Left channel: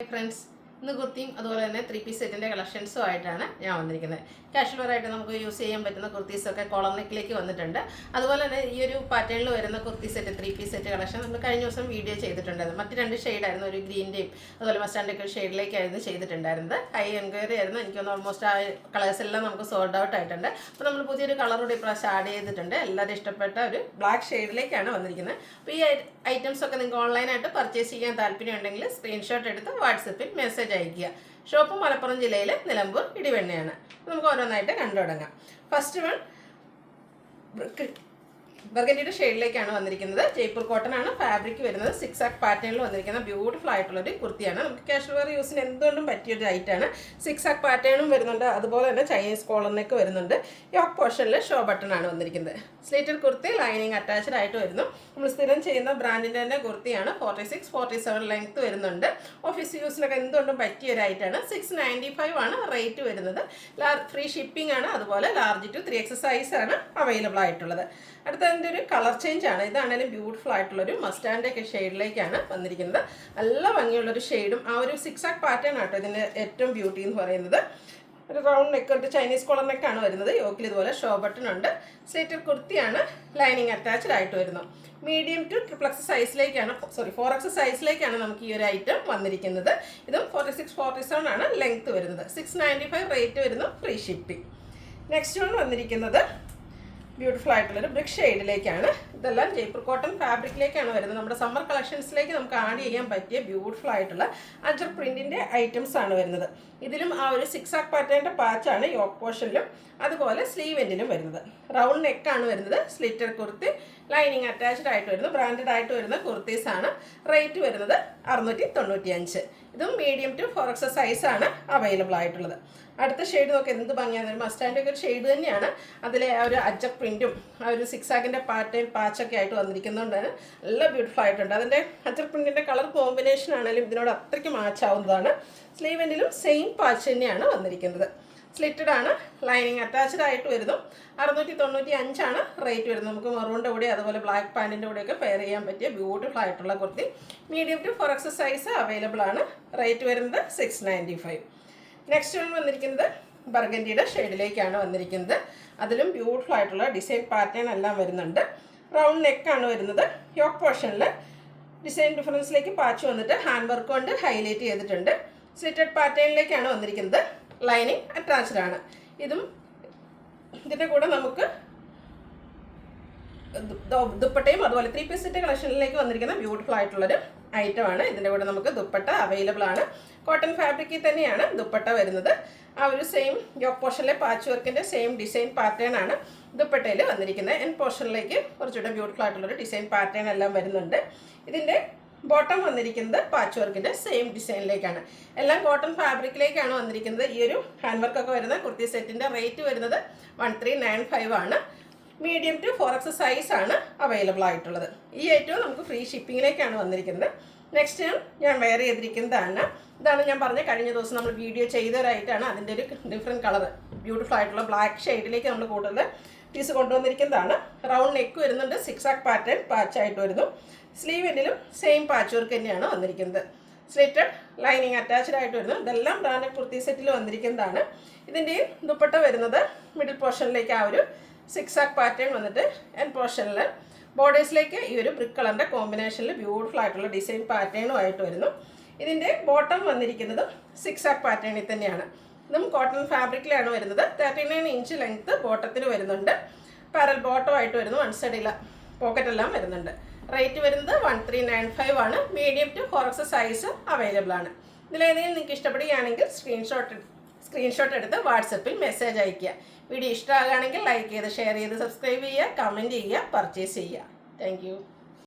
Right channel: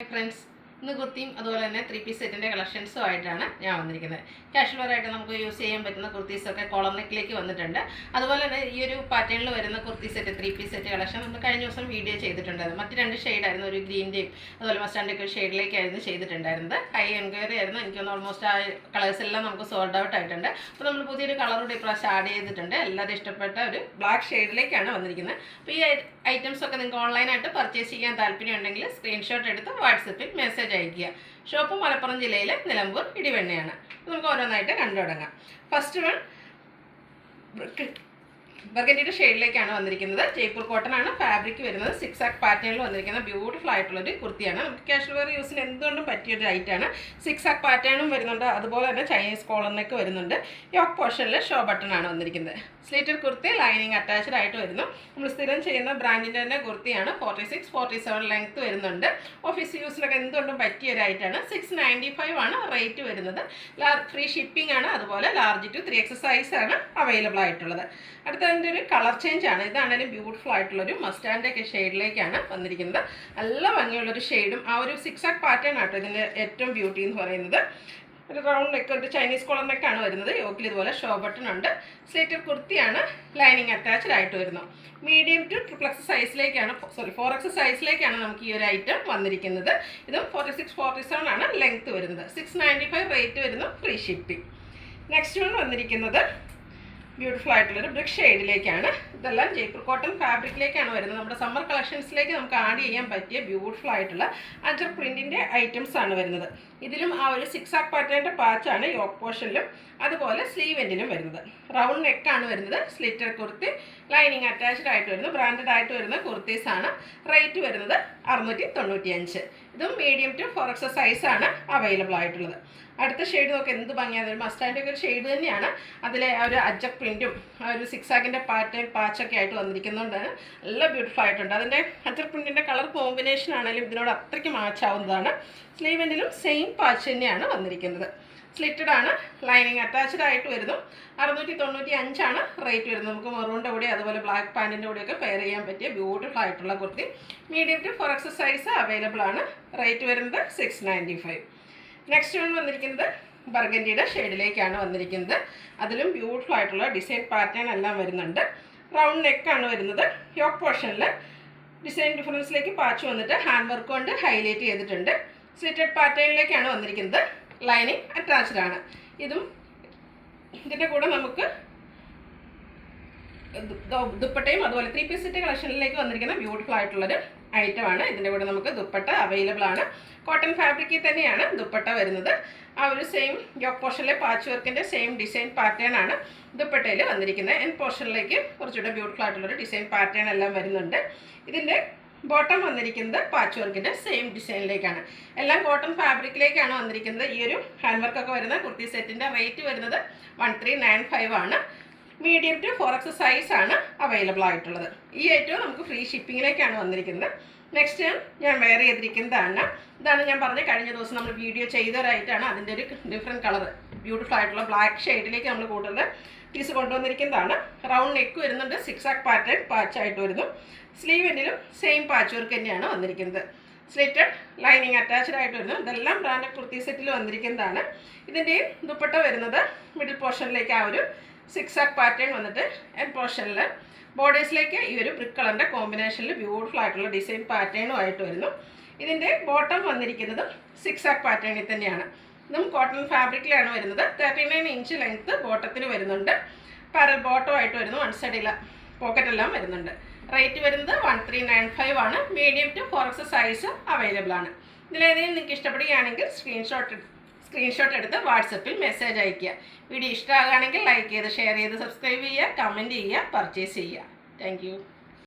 Friends, ഇന്ന് കുർത്തിയും അതുപോലെ തന്നെ 3 പീസ് സെറ്റിൻ്റെ കളക്ഷൻസും ആയിട്ടാണ് ഞാൻ വന്നിരിക്കുന്നത്. കാഷ്വൽ വെയറായിട്ട് നമുക്ക് യൂസ് ചെയ്യാൻ പറ്റുന്ന കുർത്തീസൊക്കെ കോളർ നെക്കിലേക്ക് വന്നിട്ടുണ്ട്. അതുപോലെ തന്നെ ഈ ഒരു പാറ്റേണിൽ വരുന്ന kurti set 3 piece set collection നമ്മൾ കഴിഞ്ഞ ദിവസം വീഡിയോ ചെയ്തിട്ടുണ്ടായിരുന്നു. മറ്റ് 2 ഷെയ്ഡായിരുന്നു, ഒരു ഗ്രീൻ്റെയും അതുപോലെ മസ്റ്റാൻഡൊക്കെ ഒരു ഷെയ്ഡിലേക്കായിരുന്നു ചെയ്തിട്ടുണ്ടായിരുന്നത്. ഹൈ എൻക്വയറി ആയിരുന്നു. എനിക്കൊന്ന് ഓൾമോസ്റ്റ് ആ കളേഴ്സ് എല്ലാം നമുക്ക് സോൾഡ് ഔട്ട് ആയിട്ടുണ്ട്. അപ്പോൾ നമ്മൾ പുതിയൊരു കളർ കൂടി ഇപ്രാവശ്യം ആഡ് ചെയ്തിട്ടുണ്ട്. എല്ലാവരും ഇഷ്ടപ്പെട്ട ഒരു ബ്ലാക്ക് ഷെയ്ഡിലേക്കാണ് വന്നിരിക്കുന്നത്. അപ്പോൾ ഈ ഐറ്റംസ് ഒക്കെ നിങ്ങൾക്ക് ഓൺലൈനായിട്ട് പർച്ചേസ് ചെയ്യാൻ താല്പര്യമുണ്ടെങ്കിൽ സ്ക്രീൻഷോട്ട് എടുത്ത് വാട്സപ്പിൽ മെസ്സേജ് അയക്കുക. ഷോപ്പ് മലപ്പുറം ജില്ലയിലെ നിലമ്പൂർ ഇടിവെണ്ണയാണ്. നമുക്ക് ഓരോന്നായിട്ട് കണ്ടു തുടങ്ങാം. ഫസ്റ്റ് വൺ ബർഗൻഡിയുടെ ഷെയ്ഡിലേക്കാണ് വന്നിരിക്കുന്നത്. ജയ്പൂർ കോട്ടൺ ആണ് ഫാബ്രിക് വരുന്നത്. 6 ആക്ക് പാറ്റേണിൽ വന്നിരിക്കുന്ന ബ്യൂട്ടിഫുൾ ആയിട്ടുള്ളൊരു കുർത്തിയാണ്. നമുക്ക് കാഷ്വൽ വെയർ യൂസിന് എന്തുകൊണ്ടും പറ്റിയൊരു ഐറ്റാണ്. 6 ആക്ക് പാറ്റേണും വരുന്നുണ്ട്. അതുപോലെ തന്നെ ചൈനീസ് കോളറിനൊക്കെ വരുന്നുണ്ട്. യോക്ക് പോർഷനിൽ ഷോ ബട്ടൺ ആണ് വന്നിരിക്കുന്നത്. സ്ലീറ്റഡ് കുർത്തി ലൈനിങ് അറ്റാച്ച്ഡ് ആയിട്ട് വരുന്നു. നമ്മൾ സ്ഥിരം ചെയ്യുന്ന ബ്രാൻഡിൻ്റെ തന്നെ കുർത്തിയാണ്. 46-47 ലെങ്ത് വരുന്നുണ്ട്. ഓഫീസ് യൂസിനൊക്കെ എന്തുകൊണ്ടും പറ്റിയൊരു ഐറ്റാണ്. 695 ആണ് റേറ്റ് വരുന്നത്. ഫ്രീ ഷിപ്പിംഗ് ആണ്. അതുപോലെ ലാർജ് ടു 3X സൈസ് ആണ് അവൈലബിൾ ആയിട്ടുള്ളത്. അടുത്തതിൻ്റെ ഒരു കളർ ചേഞ്ച് ആണ്. ഇതാണെങ്കിലും ബ്യൂട്ടിഫുൾ ആയിട്ടുള്ളൊരു മസ്റ്റാൻഡൊക്കെ ഷെയ്ഡിലേക്കാണ് വന്നിരിക്കുന്നത്. നല്ല ഭംഗിയുള്ളൊരു ഷെയ്ഡും ആ ഒരു 6 ആക്ക് പാറ്റേൺ ആട്ടോ ഇതിൻ്റെ ഏറ്റവും ബ്യൂട്ടി എന്ന് പറയുന്നത്. ഒരു റൗണ്ട് നെക്ക് ഉണ്ട്, ചൈനീസ് കോളർ നെക്കാണ് വരുന്നത്. യോക്കിൽ ഇതുപോലെ ഷോ ബട്ടൺ ഉണ്ട്. സ്ലീറ്റഡ് കുർത്തിയാണ്, ലൈനിങ് അറ്റാച്ച്ഡ് ആയിട്ട് വരുന്നു. മീഡിയം ടു 3X സൈസിലേക്കാണ് 4X സൈസിലേക്കാണ് നമുക്ക് ഈ ഒരു ഐറ്റം വന്നിരിക്കുന്നത്. ഇതും 46-47 ആണ് ലെങ്ത് വരുന്നത്. 695 റേറ്റ് വരുന്നു, ഫ്രീ ഷിപ്പിംഗ്. നെക്സ്റ്റ് വൺ വന്നിരിക്കുന്നത് ബ്യൂട്ടിഫുൾ ആയിട്ടുള്ളൊരു ബ്രിക്ക് ഷെയ്ഡിലേക്കാണ്. ഇതെല്ലാം ജയ്പൂർ കോട്ടൺ ഫാബ്രിക്കിലേക്കാണ് വരുന്നത്. നമ്മുടെ സമ്മർ കളക്ഷൻസിലേക്ക് നമുക്ക് ആഡ് ചെയ്യാൻ പറ്റിയ ബ്യൂട്ടിഫുൾ ആയിട്ടുള്ള അജർ പ്രിൻറ്റിൻ്റെ ഐറ്റംസ് ആണ് വരുന്നത്. ഇതിലും ആ ഒരു 6 ആക്ക് പാറ്റേണിൻ്റെ പാച്ചാണ് യോക്ക് പോർഷനിലും അതുപോലെ സ്ലീവ് എൻഡിലും വരുന്നത്. റൗണ്ട് നെക്കാണ് വരുന്നത്. സ്ലിറ്റർ കുർത്തി ലൈനിങ് അറ്റാച്ച്ഡ് ആയിട്ട് വരുന്നു. ബ്രാൻഡഡ് ആയിട്ട് വരുന്ന കുർത്തീസാണ്. റേറ്റ് വരുന്നത് 695. ഇതും മീഡിയം ടു 4X സൈസാണ് അവൈലബിൾ ആയിട്ടുള്ളത്. അടുത്ത ഷെയ്ഡ് നോക്കി എന്ത് ഭംഗിയാണ്. ഒരു മസ്റ്റാൻഡൊക്കെ ഒരു ഷെയ്ഡ് തന്നെയാണ്. അതിലെ ആ ഒരു അജക് പ്രിൻറ്റും ആ ഒരു 6 ആക്കിൻ്റെ പാറ്റേൺ പാച്ചൊക്കെ ആയിട്ട് വന്നിരിക്കുന്നതുകൊണ്ടാണ് നല്ല ബ്യൂട്ടിഫുൾ ആയിട്ടുണ്ട്. അതിൻ്റെ അജക് പ്രിൻറ്റിൻ്റെ കളർ കോമ്പിനേഷൻ ആണെങ്കിലും ഇതിനോട് അത്രയ്ക്ക് മാച്ചാവുന്നതാണ്. സ്ലീവ് എൻഡിലും സെയിം പാച്ച് തന്നെയാണ് വന്നിരിക്കുന്നത്. സ്ലിറ്റഡ് ആണ്, ലൈനിങ് അറ്റാച്ച്ഡ് ആയിട്ട് വരുന്നു. 695 ആണ് റേറ്റ് വരുന്നത്. നമുക്ക് മെറൂണിൻ്റെ കൂടെ അതുപോലെ ബ്ലാക്ക് പാൻറ്റിൻ്റെ കൂടെയൊക്കെ പെയർ ചെയ്യാൻ പറ്റിയ ബ്യൂട്ടിഫുൾ ആയിട്ടുള്ള kurti. Medium to 4X size available ആണ്. റേറ്റ് വരുന്നത് 695. നെക്സ്റ്റ് വൺ വന്നിരിക്കുന്നത് ബർഗൻഡിയുടെ ഷെയ്ഡിലേക്കാണ് വന്നിരിക്കുന്നത്. അതിലും ബ്യൂട്ടിഫുൾ ആയിട്ടുള്ള ഡിസൈൻ പാറ്റേൺ എല്ലാം വരുന്നുണ്ട്. റൗണ്ട് നെക്കാണ് വരുന്നത്. യോക്ക് പോർഷനിൽ ഡിസൈൻ ഡിഫറൻസിലേക്ക് പാച്ച് വന്നിട്ട് ഹാൻഡ് വർക്ക് കൊണ്ട് ഹൈലൈറ്റ് ചെയ്തിട്ടുണ്ട്. സ്ലിറ്റഡ് പാറ്റേണിലേക്കാണ് വന്നിരിക്കുന്നത്. ലൈനിങ് അറ്റാച്ച്ഡ് ആണ്. ഇതിൻ്റെ കൂടെ നമുക്ക് ദുപ്പട്ടയും അതുപോലെ 3 പീസ് സെറ്റ് കളക്ഷനിലേക്ക് വന്നിരിക്കുന്ന ബ്യൂട്ടിഫുൾ ആയിട്ടുള്ളൊരു ഐറ്റമാണ്. ഇതിൻ്റെ കൂടെ നമുക്ക് ദുപ്പട്ട അവൈലബിൾ ആണ്. കോട്ടൺ ഫാബ്രിക്കിൽ തന്നെയാണ് ദുപ്പട്ട വരുന്നത്. ആ ഒരു സെയിം യോക്ക് പോർഷനിലെ പാച്ച് വർക്കിൻ്റെ സെയിം ഡിസൈൻ പാറ്റേൺ ആണ് ദുപ്പട്ടയിൽ വന്നിരിക്കുന്നത്. എൻ പോർഷനിലേക്ക് കുറച്ചുകൂടെ ബ്യൂട്ടിഫുൾ ആയിട്ടുള്ളൊരു ഡിസൈൻ പാറ്റേൺ എല്ലാം വരുന്നുണ്ട്. ഇതിൻ്റെ ബോട്ടം വന്നിരിക്കുന്നത് പാച്ച് വർക്കിൻ്റെ സെയിം ഡിസൈനിലേക്കാണ്. എല്ലാം കോട്ടൺ ഫാബ്രിക്കിലേക്കാണ് വന്നിരിക്കുന്നത്. ഈ ഒരു ഹാൻഡ് വർക്കൊക്കെ വരുന്ന കുർത്തി സെറ്റിൻ്റെ റേറ്റ് വരുന്നത് 1395 ആണ്. മീഡിയം ടു 4X സൈസാണ് അവൈലബിൾ ആയിട്ടുള്ളത്. ഈ ഐറ്റവും നമുക്ക് ഫ്രീ ഷിപ്പിങ്ങിലേക്കാണ് വന്നിരിക്കുന്നത്. നെക്സ്റ്റ് ഞാൻ വെയർ ചെയ്തിരിക്കുന്നതാണ്. ഇതാണ് ഞാൻ പറഞ്ഞ കഴിഞ്ഞ ദിവസം നമ്മൾ വീഡിയോ ചെയ്തൊരായിട്ടാണ്. അതിൻ്റെ ഒരു ഡിഫറെൻറ്റ് കളർ ബ്യൂട്ടിഫുൾ ആയിട്ടുള്ള ബ്ലാക്ക് ഷെയ്ഡിലേക്ക് നമ്മൾ കൂടുതൽ പീസ് കൊണ്ടുവന്നിരിക്കുന്നതാണ്. റൗണ്ട് നെക്ക് വരുന്നുണ്ട്. 6 ആക്ക് പാറ്റേൺ പാച്ചായിട്ട് വരുന്നു. സ്ലീവ് എൻഡിലും സെയിം പാച്ച് വർക്ക് തന്നെയാണ് വന്നിരിക്കുന്നത്. സ്ലിറ്റഡ് ലൈനിങ് അറ്റാച്ച്ഡ് ആയിട്ട് വരുന്നു. ഇതെല്ലാം ബ്രാൻഡഡ് കുർത്തി സെറ്റിൽ വന്നിരിക്കുന്നതാണ്. ഇതിൻ്റെയും ദുപ്പട്ട വരുന്നത് മിഡിൽ പോർഷനിലേക്ക് ആ ഒരു 6 ആക്ക് പാറ്റേൺ വന്നിട്ട് എൻ പോർഷനിൽ ബോർഡേഴ്സിലേക്ക് ഈ ഒരു ബ്രിക്ക് കളറിൻ്റെ കോമ്പിനേഷനിൽ ബ്യൂട്ടിഫുൾ ആയിട്ടുള്ള ഡിസൈൻ പാറ്റേണും ആയിട്ട് വരുന്നു. ഇതിൻ്റെ ബോട്ടം വന്നിരിക്കുന്നത് 6 ആക്ക് പാറ്റേണിൽ തന്നെയാണ്. ഇതും കോട്ടൺ ഫാബ്രിക്കിലാണ് വരുന്നത്. 39 ഇഞ്ച് ലെങ്ത്ത് ബോട്ടത്തിന് വരുന്നുണ്ട്. പാരൽ ബോട്ടം ആയിട്ട് വരുന്നു. വൺ സൈഡിൽ പോക്കറ്റെല്ലാം വരുന്നുണ്ട്. റേറ്റ് വരുന്നത് 1395 ആണ്. Medium to 4X size available ആണ്. ഇതിലേതെങ്കിലും നിങ്ങൾക്ക് ഇഷ്ടപ്പെടുകയാണെങ്കിൽ സ്ക്രീൻഷോട്ട് എടുത്ത് വാട്സപ്പിൽ മെസ്സേജ് അയയ്ക്കുക. വീഡിയോ ഇഷ്ടമാകുകയാണെങ്കിൽ ലൈക്ക് ചെയ്ത് ഷെയർ ചെയ്ത് സബ്സ്ക്രൈബ് ചെയ്യുക, കമൻറ്റ് ചെയ്യുക, പർച്ചേസ് ചെയ്യുക. താങ്ക്